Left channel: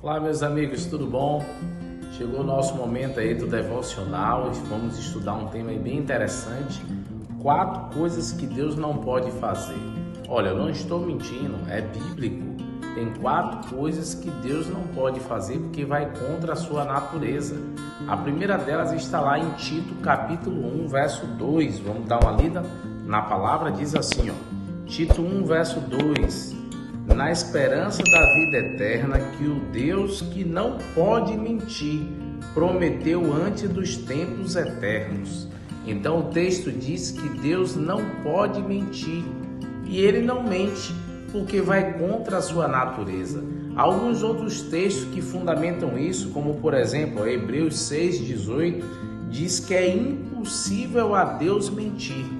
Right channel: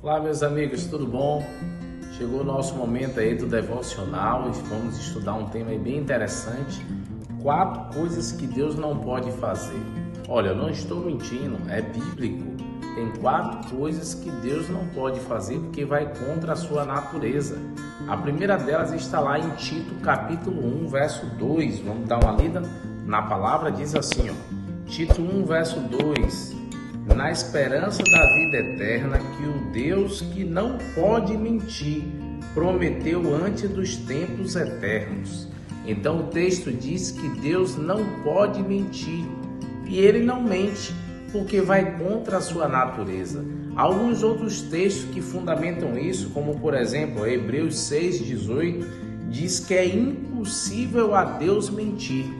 Olá, meus amigos, tudo bom? Chegou o nosso momento aí do devocional e vamos estudar um tema aí bem interessante. 4 coisas que Deus não pode fazer. Olha, eu não estou mentindo, é bíblico. Tem 4 coisas que Deus não pode fazer porque vai contra a sua natureza. A primeira delas está lá em Tito, capítulo 1, verso 2. Vamos dar uma lida na palavra, diz assim, Tito 1, verso 2. Na esperança da vida eterna que o Deus que não pode mentir prometeu antes dos tempos eternos. Então o texto diz que Deus não pode mentir e ele não mente porque vai contra a sua natureza. Alguns outros textos que fundamentam isso, como por exemplo Hebreus 6,18, diz que é impossível a Deus mentir.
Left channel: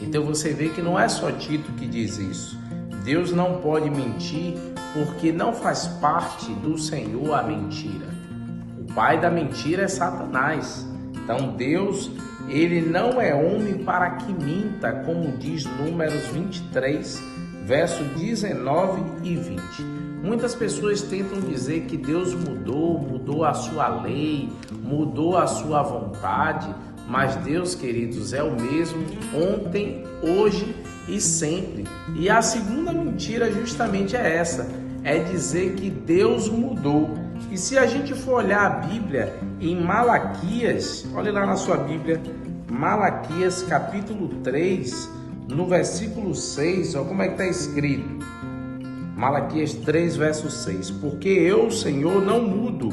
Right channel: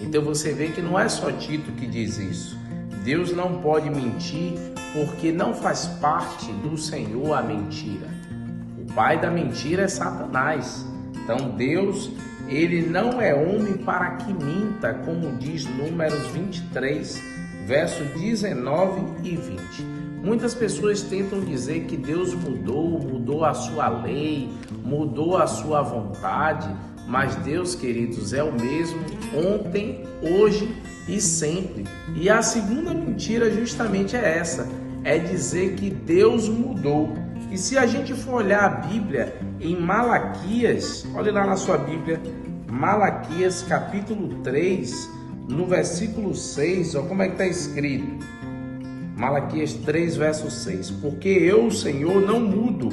Então você vê que não é só Tito que diz isso. Deus não pode mentir porque não faz parte do Senhor a mentira. O pai da mentira é Satanás. Então Deus, ele não é homem para que minta, como diz Números 23, versos 19 e 20. Muitas pessoas tentam dizer que Deus mudou a sua lei, mudou a sua vontade, mas Deus, queridos, é o mesmo ontem, hoje e sempre. E a segunda mentira justamente é essa, é dizer que Deus mudou. E se a gente for olhar a Bíblia em Malaquias, olhe lá na sua Bíblia, Malaquias capítulo 3, no versículo 6, olha como é que está escrito. Malaquias 3, verso 6. Porque eu, Senhor, não mudo,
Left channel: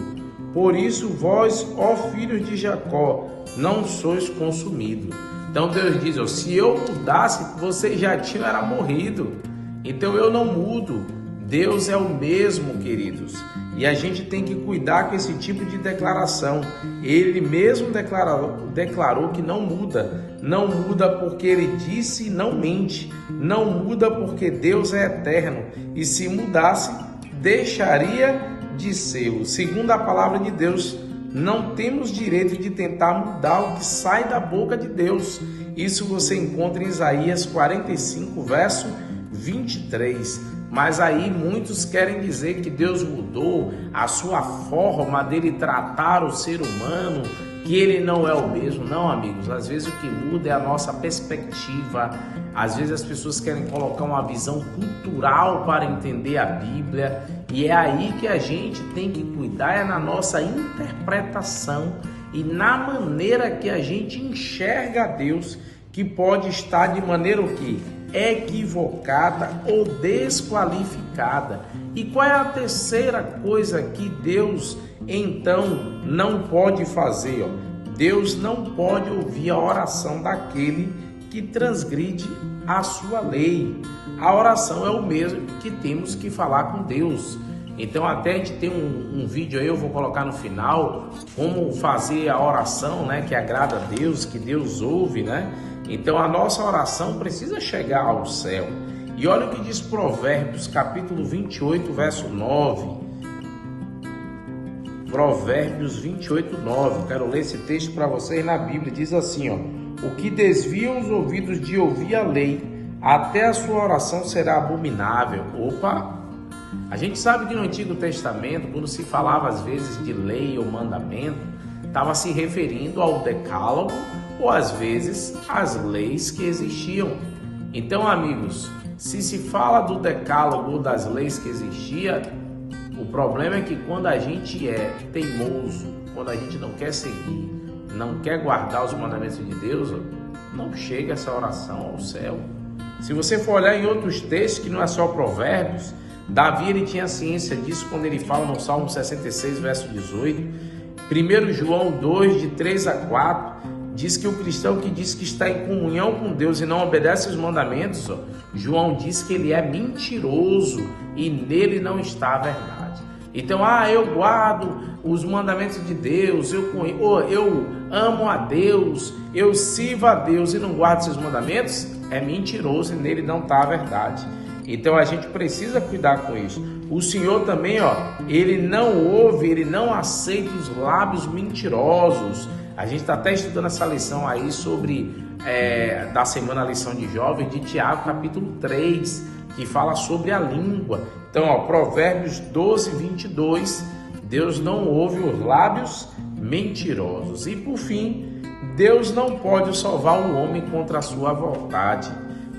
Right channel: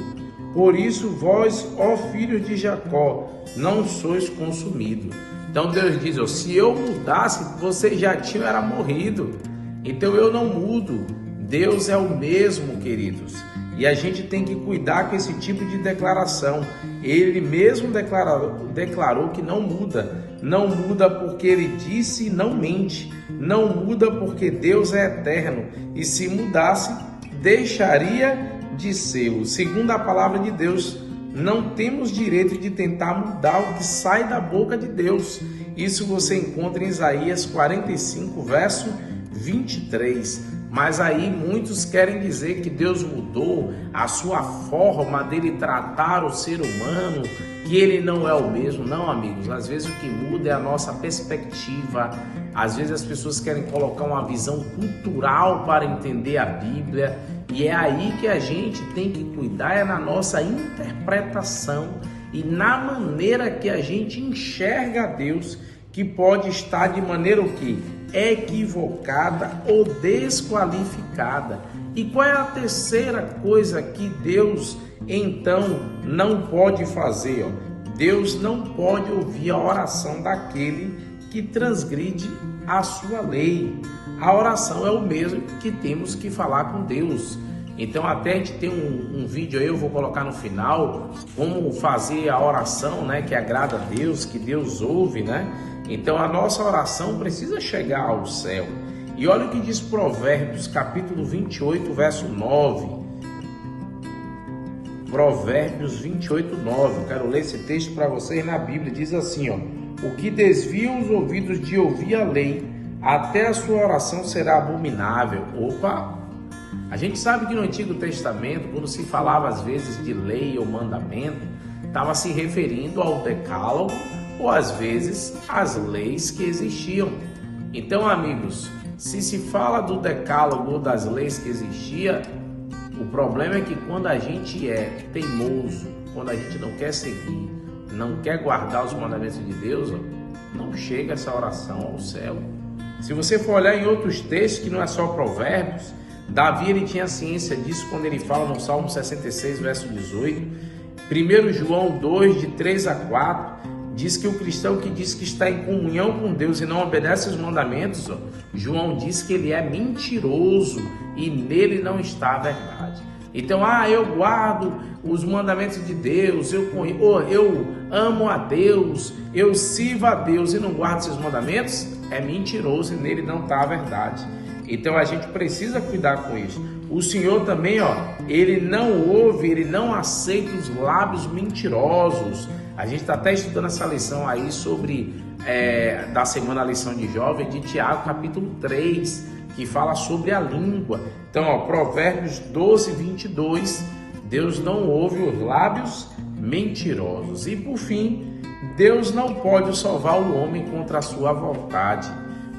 por isso vós, ó filhos de Jacó, não sois consumidos. Então Deus diz, se eu mudasse, vocês já tinham era morrido. Então eu não mudo. Deus é o mesmo, queridos. E a gente tem que cuidar com esse tipo de declaração. Ele mesmo declarou que não muda. Não muda porque ele disse e não mente. Não muda porque Deus é eterno. E se mudasse, deixaria de ser. Segundo a palavra de Deus, não temos direito de tentar mudar o que sai da boca de Deus. Isso você encontra em Isaías 45, verso 23. Mas aí muitos querem dizer que Deus mudou a sua forma dele tratar o ser humano, que ele não é o mesmo. Não, amigos, às vezes o que muda é a nossa perspectiva. Às vezes as pessoas querem colocar uma visão cultural para entender a Bíblia, e é aí que a gente tem que cuidar, é na nossa interpretação e na maneira que a gente enxerga a Deus, que pode estar de maneira o quê? Equivocada ou desqualificada. E qual é a terceira coisa que Deus então não pode fazer? Deus não pode ouvir a oração daquele que transgride a sua lei. A oração é o mesmo que temos que falar com Deus. Então até a gente tem um vídeo aí, eu vou colocar no final, como fazer a oração, né, que agrada a Deus, que Deus ouve, né? Então a nossa oração precisa chegar ao céu. E olha o que diz Provérbios, capítulo 28, verso 9. Provérbios 28, 9. Eu quero ler esse texto para vocês na Bíblia. Diz assim, o que desvia os ouvidos de ouvir a lei, até a sua oração será abominável. Opa! A gente sabe que no Antigo Testamento, quando se falava às vezes de lei ou mandamento, estava se referindo ao decálogo ou às vezes às leis que existiam. Então, amigos, se fala do decálogo ou das leis que existiam, o problema é que quando a gente é teimoso, quando a gente não quer seguir, não quer guardar os mandamentos de Deus, não chega essa oração ao céu. Se você for olhar em outros textos, que não é só Provérbios, Davi ele tinha ciência disso quando ele fala no Salmo 66, verso 18. 1 João 2, de 3 a 4, diz que o cristão que diz que está em comunhão com Deus e não obedece os mandamentos, João diz que ele é mentiroso e nele não está a verdade. Então, eu guardo os mandamentos de Deus, eu amo a Deus, eu sirvo a Deus e não guardo seus mandamentos, é mentiroso e nele não está a verdade. Então a gente precisa cuidar com isso. O Senhor também, ele não ouve, ele não aceita os lábios mentirosos. A gente está até estudando essa lição aí sobre, da semana, a lição de jovens, de Tiago, capítulo 3, que fala sobre a língua. Então, ó, Provérbios 12, 22, Deus não ouve os lábios mentirosos. E por fim, Deus não pode salvar o homem contra a sua vontade.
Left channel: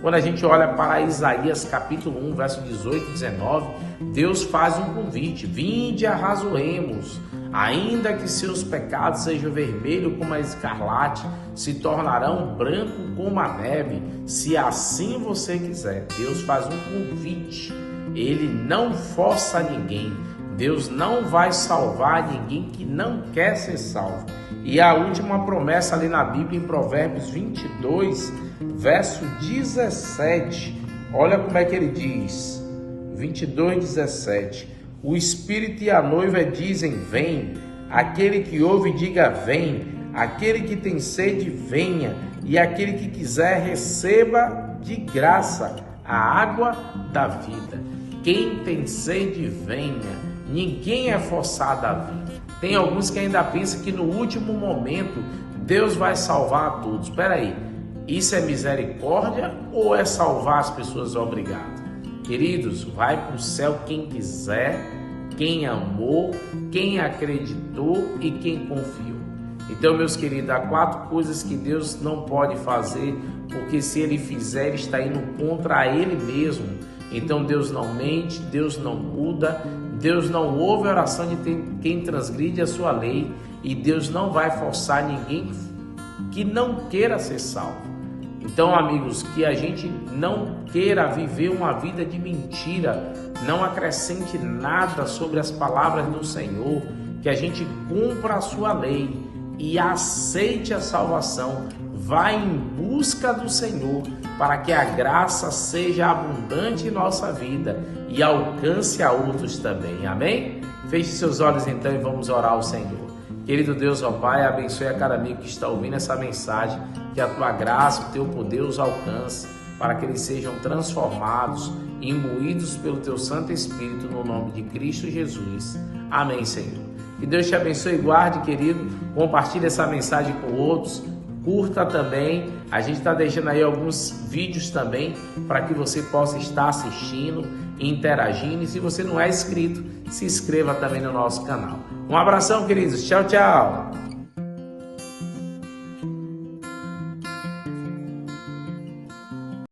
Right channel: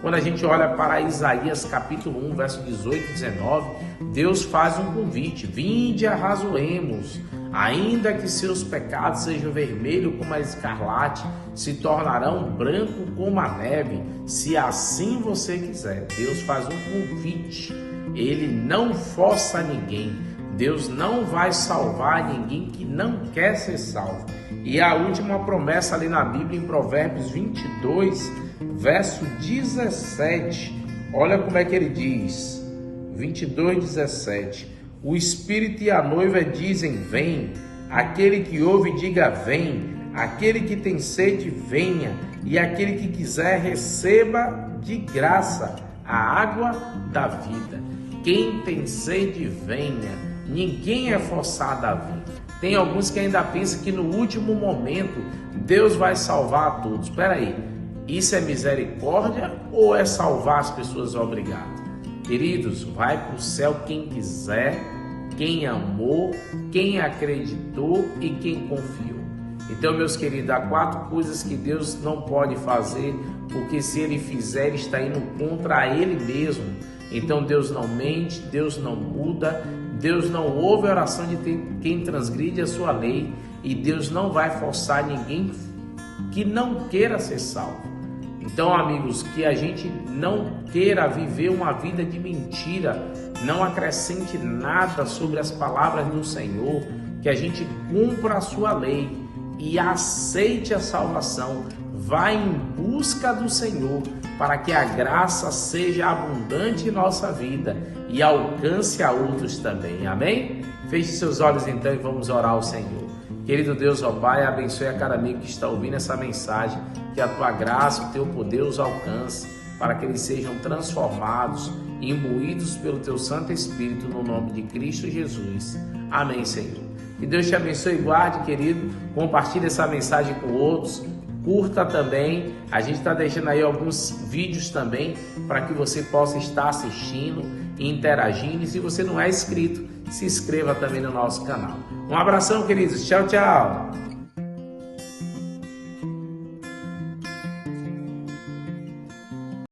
Quando a gente olha para Isaías capítulo 1, verso 18 e 19, Deus faz um convite: vinde, arrazoemos, ainda que seus pecados sejam vermelhos como a escarlate, se tornarão branco como a neve, se assim você quiser. Deus faz um convite, ele não força ninguém. Deus não vai salvar ninguém que não quer ser salvo. E a última promessa ali na Bíblia, em Provérbios 22, verso 17, olha como é que ele diz, 22, 17, o Espírito e a noiva dizem, vem, aquele que ouve diga, vem, aquele que tem sede, venha, e aquele que quiser, receba de graça a água da vida. Quem tem sede, venha. Ninguém é forçado a vir. Tem alguns que ainda pensam que no último momento Deus vai salvar a todos. Espera aí, isso é misericórdia ou é salvar as pessoas obrigado? Queridos, vai para o céu quem quiser, quem amou, quem acreditou e quem confiou. Então, meus queridos, há 4 coisas que Deus não pode fazer, porque se Ele fizer, Ele está indo contra Ele mesmo. Então, Deus não mente, Deus não muda, Deus não ouve a oração de quem transgride a sua lei, e Deus não vai forçar ninguém que não queira ser salvo. Então, amigos, que a gente não queira viver uma vida de mentira, não acrescente nada sobre as palavras do Senhor, que a gente cumpra a sua lei e aceite a salvação, vá em busca do Senhor, para que a graça seja abundante em nossa vida e alcance a outros também, amém? Feche seus olhos então e vamos orar ao Senhor. Querido Deus, ó Pai, abençoe a cada amigo que está ouvindo essa mensagem, que a Tua graça, o Teu poder os alcance, para que eles sejam transformados, imbuídos pelo Teu Santo Espírito, no nome de Cristo Jesus. Amém, Senhor. Que Deus te abençoe e guarde, querido. Compartilhe essa mensagem com outros. Curta também. A gente está deixando aí alguns vídeos também para que você possa estar assistindo e interagindo. E se você não é inscrito, se inscreva também no nosso canal. Um abração, queridos. Tchau, tchau.